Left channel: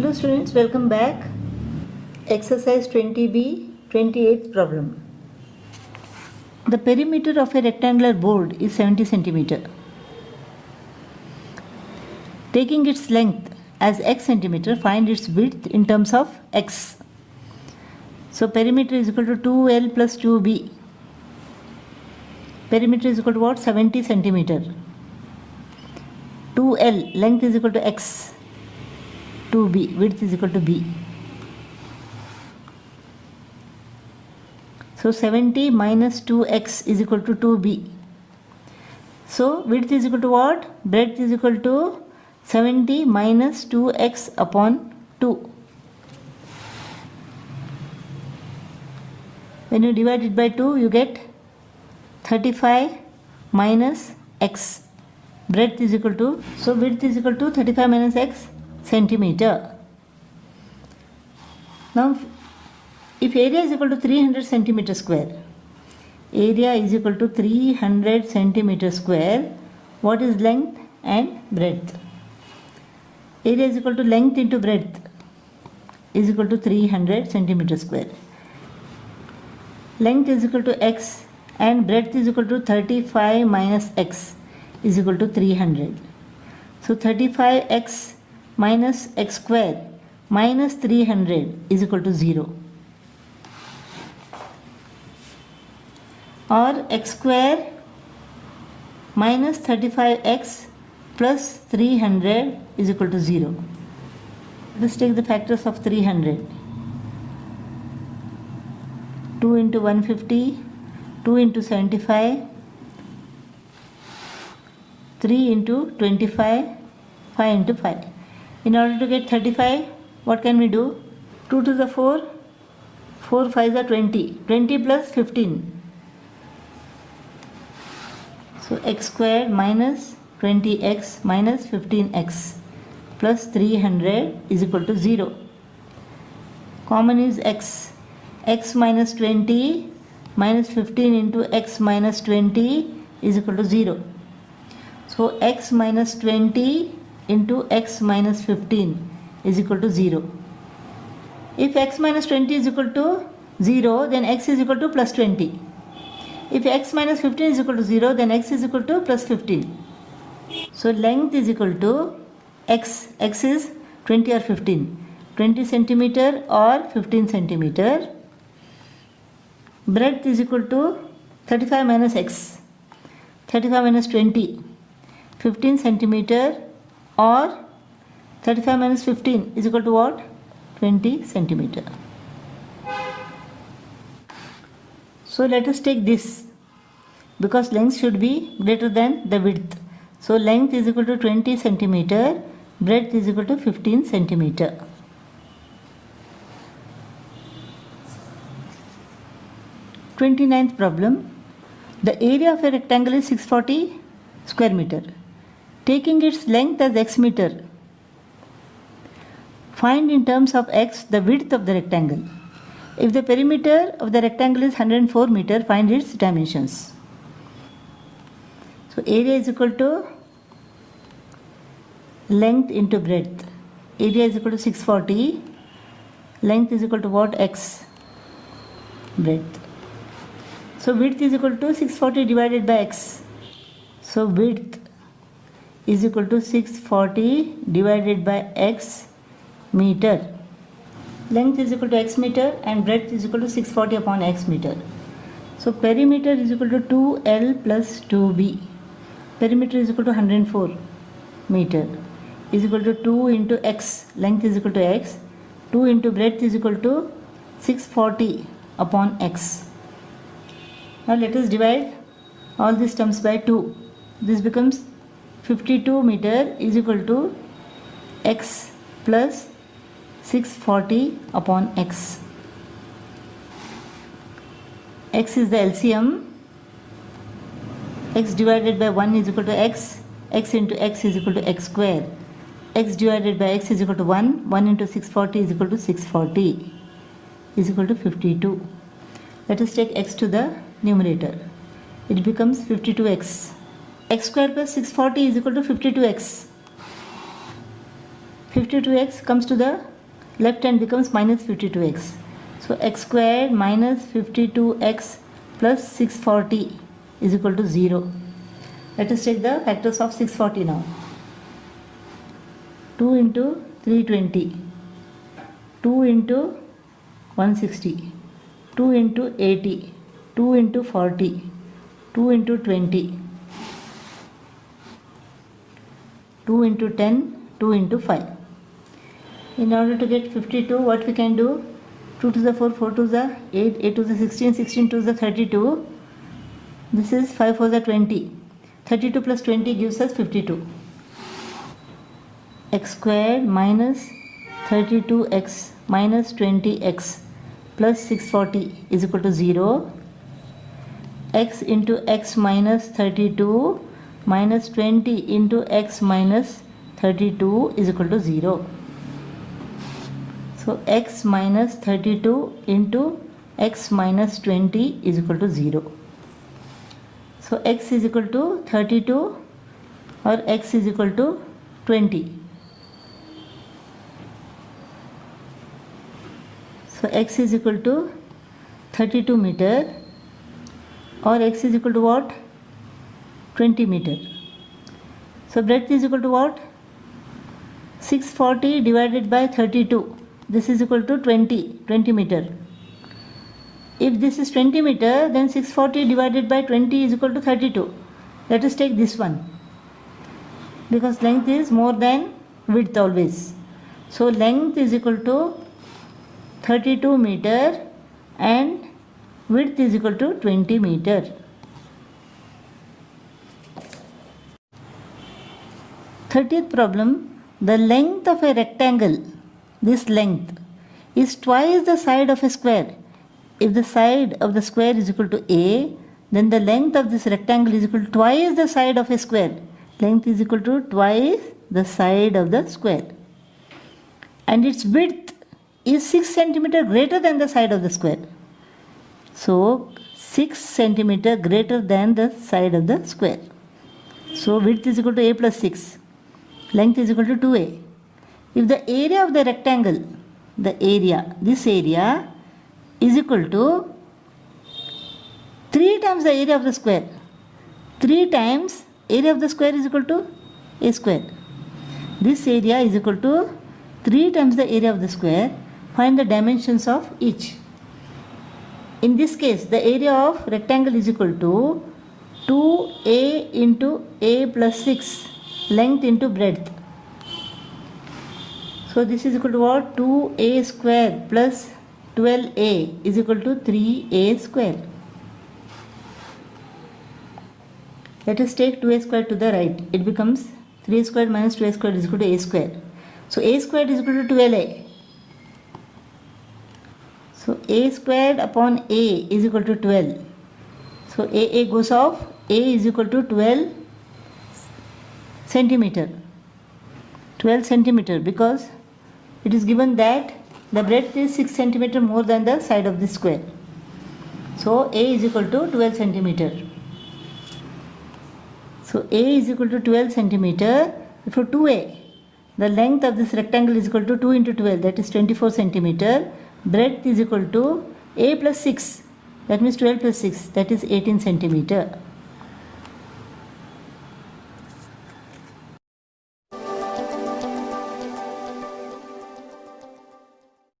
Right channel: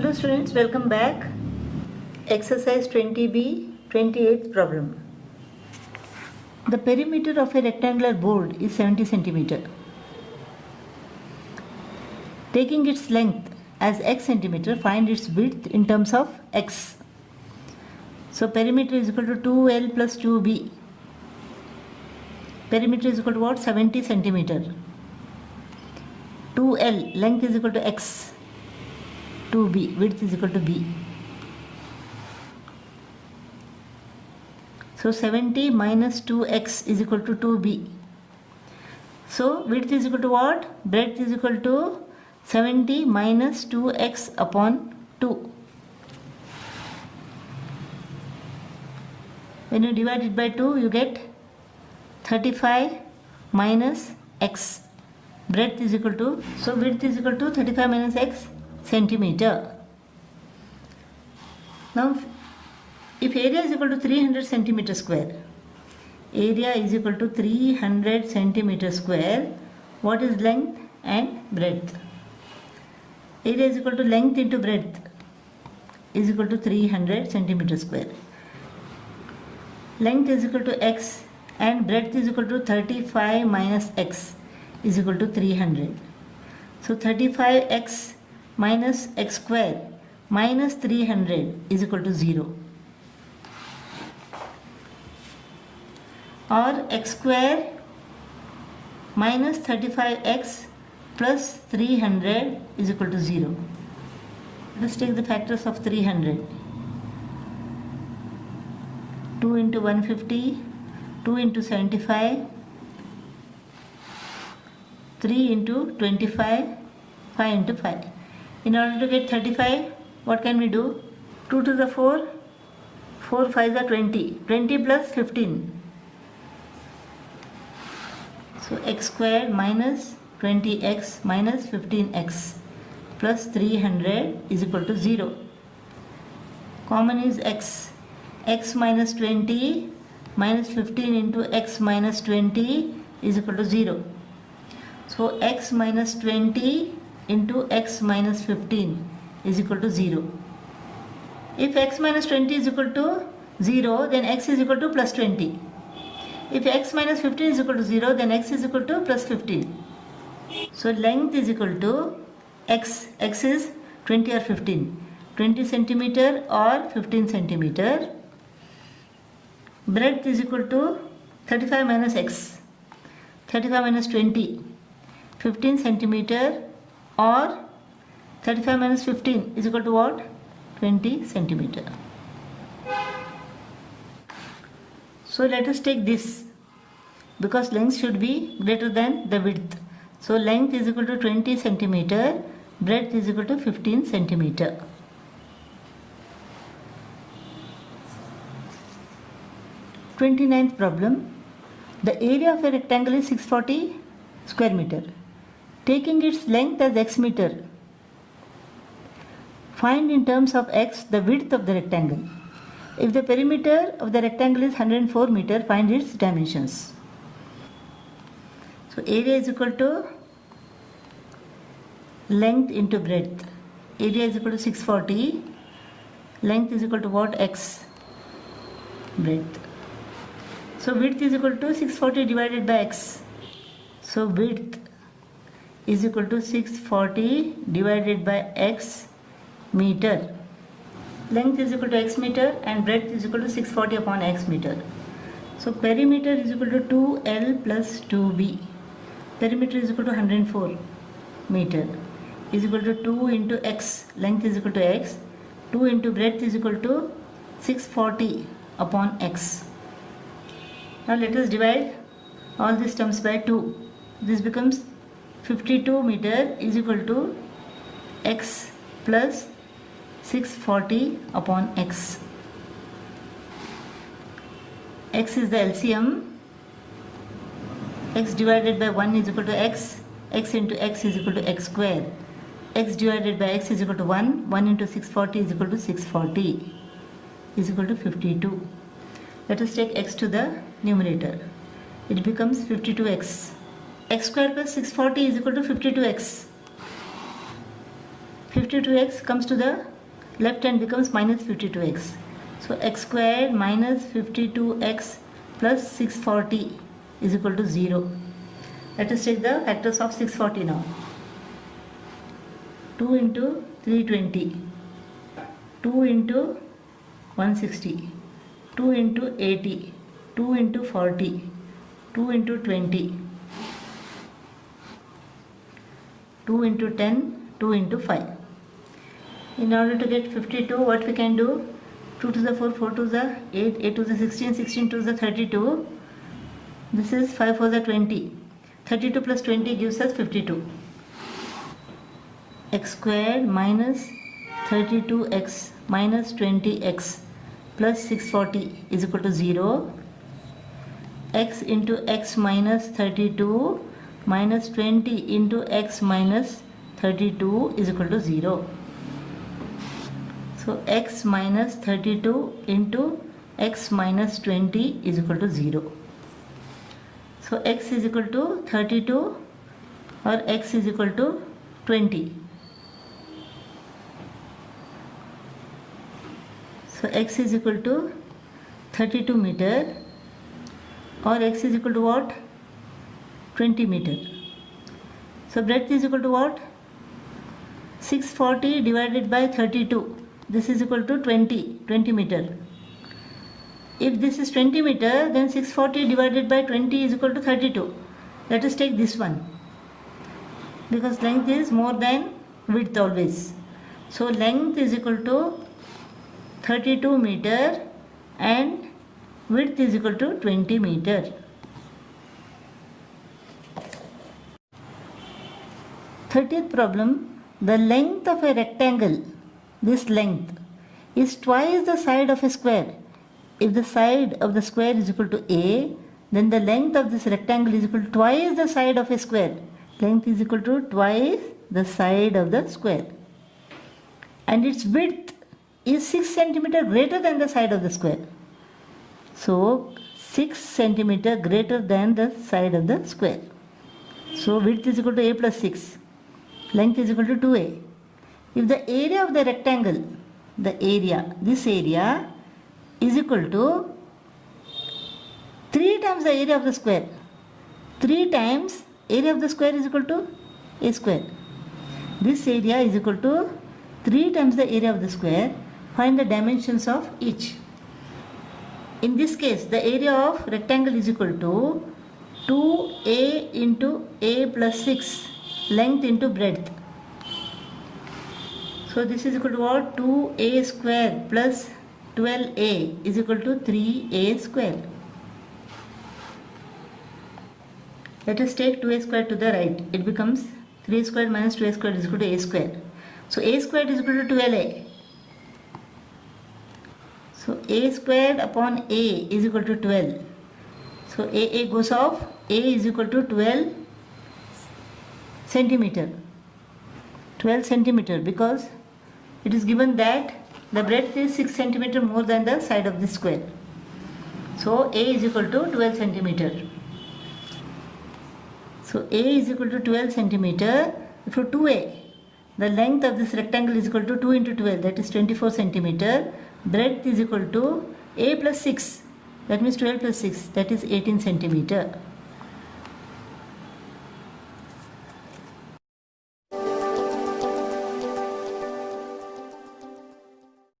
Hello students, welcome back. Exercise 20B, 28th problem. The perimeter of a rectangular board is 70 cm. Taking its length as x centimeter, find its width in terms of x. So perimeter is equal to 2L plus 2B. Perimeter is equal to what? 70 cm. 2L, length is equal to x. 2B, width is equal to B. So 70 minus 2x is equal to 2B. So width is equal to what? Breadth is equal to 70 minus 2x upon 2. When you divide it by 2, you get 35 minus x. Breadth is equal to, so width is equal to 35 minus x centimeter. Now, if area is equal to 300 centimeter square, area is equal to 300 centimeter square, what is length and breadth? Area is equal to length into breadth is equal to 300 centimeter square. Length is equal to x and breadth is equal to 35 minus x is equal to 300. So 35x minus x square minus 300 is equal to 0. Or x square minus 35x plus 300 is equal to 0. Let's take the factors of 300. 2 into 150, 2 into 75, 3 into 25, 5 into 5. In order to get 35, what can we do? 2 to the 4, 4 5s are 20, 20 plus 15. So x squared minus 20x minus 15x plus 300 is equal to 0. Common is x. X minus 20 minus 15 into x minus 20 is equal to 0. So x minus 20 into x minus 15 is equal to 0. If x minus 20 is equal to 0, then x is equal to plus 20. If x minus 15 is equal to 0, then x is equal to plus 15. So length is equal to x. X is 20 or 15. 20 centimeter or 15 centimeter. Breadth is equal to 35 minus x. 35 minus 20. 15 centimeter or 35 minus 15 is equal to what? 20 centimeter. So let us take this, because length should be greater than the width. So length is equal to 20 centimeter, breadth is equal to 15 centimeter. Twenty-ninth problem. The area of a rectangle is 640 square meter. Taking its length as x meter, find in terms of x the width of the rectangle. If the perimeter of the rectangle is 104 meter, find its dimensions. So area is equal to length into breadth. Area is equal to 640. Length is equal to what? X. Breadth. So width is equal to 640 divided by x. So width is equal to 640 divided by x meter. Length is equal to x meter and breadth is equal to 640 upon x meter. So perimeter is equal to 2L plus 2B. Perimeter is equal to 104 meter. Is equal to 2 into x. Length is equal to x. 2 into breadth is equal to 640 upon x. Now let us divide all these terms by 2. This becomes 52 meter is equal to x plus 640 upon x. X is the LCM. X divided by 1 is equal to x. X into x is equal to x square. X divided by x is equal to 1. 1 into 640 is equal to 640 is equal to 52. Let us take x to the numerator. It becomes 52x. X square plus 640 is equal to 52x. 52x comes to the left and becomes minus 52x. So x squared minus 52x plus 640 is equal to 0. Let us take the factors of 640 now. 2 into 320, 2 into 160, 2 into 80, 2 into 40, 2 into 20, 2 into 10, 2 into 5. In order to get 52, what we can do? 2 to the 4, 4 to the 8, 8 to the 16, 16 to the 32. This is 5 for the 20. 32 plus 20 gives us 52. X squared minus 32x minus 20x plus 640 is equal to 0. X into x minus 32 minus 20 into x minus 32 is equal to 0. So x minus 32 into x minus 20 is equal to 0. So x is equal to 32 or x is equal to 20. So x is equal to 32 meter or x is equal to what? 20 meter. So breadth is equal to what? 640 divided by 32. This is equal to 20 meter. If this is 20 meter, then 640 divided by 20 is equal to 32. Let us take this one, because length is more than width always. So length is equal to 32 meter and width is equal to 20 meter. 30th problem, the length of a rectangle, this length, is twice the side of a square. If the side of the square is equal to A, then the length of this rectangle is equal to twice the side of a square. Length is equal to twice the side of the square. And its width is 6 centimeter greater than the side of the square. So 6 centimeter greater than the side of the square. So width is equal to A plus 6. Length is equal to 2A. If the area of the rectangle, this area is equal to 3 times the area of the square. 3 times area of the square is equal to A square. This area is equal to 3 times the area of the square. Find the dimensions of each. In this case, the area of rectangle is equal to 2A into A plus 6, length into breadth. So this is equal to what? 2A square plus 12A is equal to 3A square. Let us take 2A square to the right. It becomes 3A square minus 2A square is equal to A square. So A square is equal to 12A. So A squared upon A is equal to 12. So A goes off. A is equal to 12 centimeter. 12 centimeter, because it is given that the breadth is 6 centimeter more than the side of the square. So A is equal to 12 centimeter. So A is equal to 12 centimeter. For 2A, the length of this rectangle is equal to 2 into 12, that is 24 centimeter. Breadth is equal to A plus 6, that means 12 plus 6, that is 18 centimeter.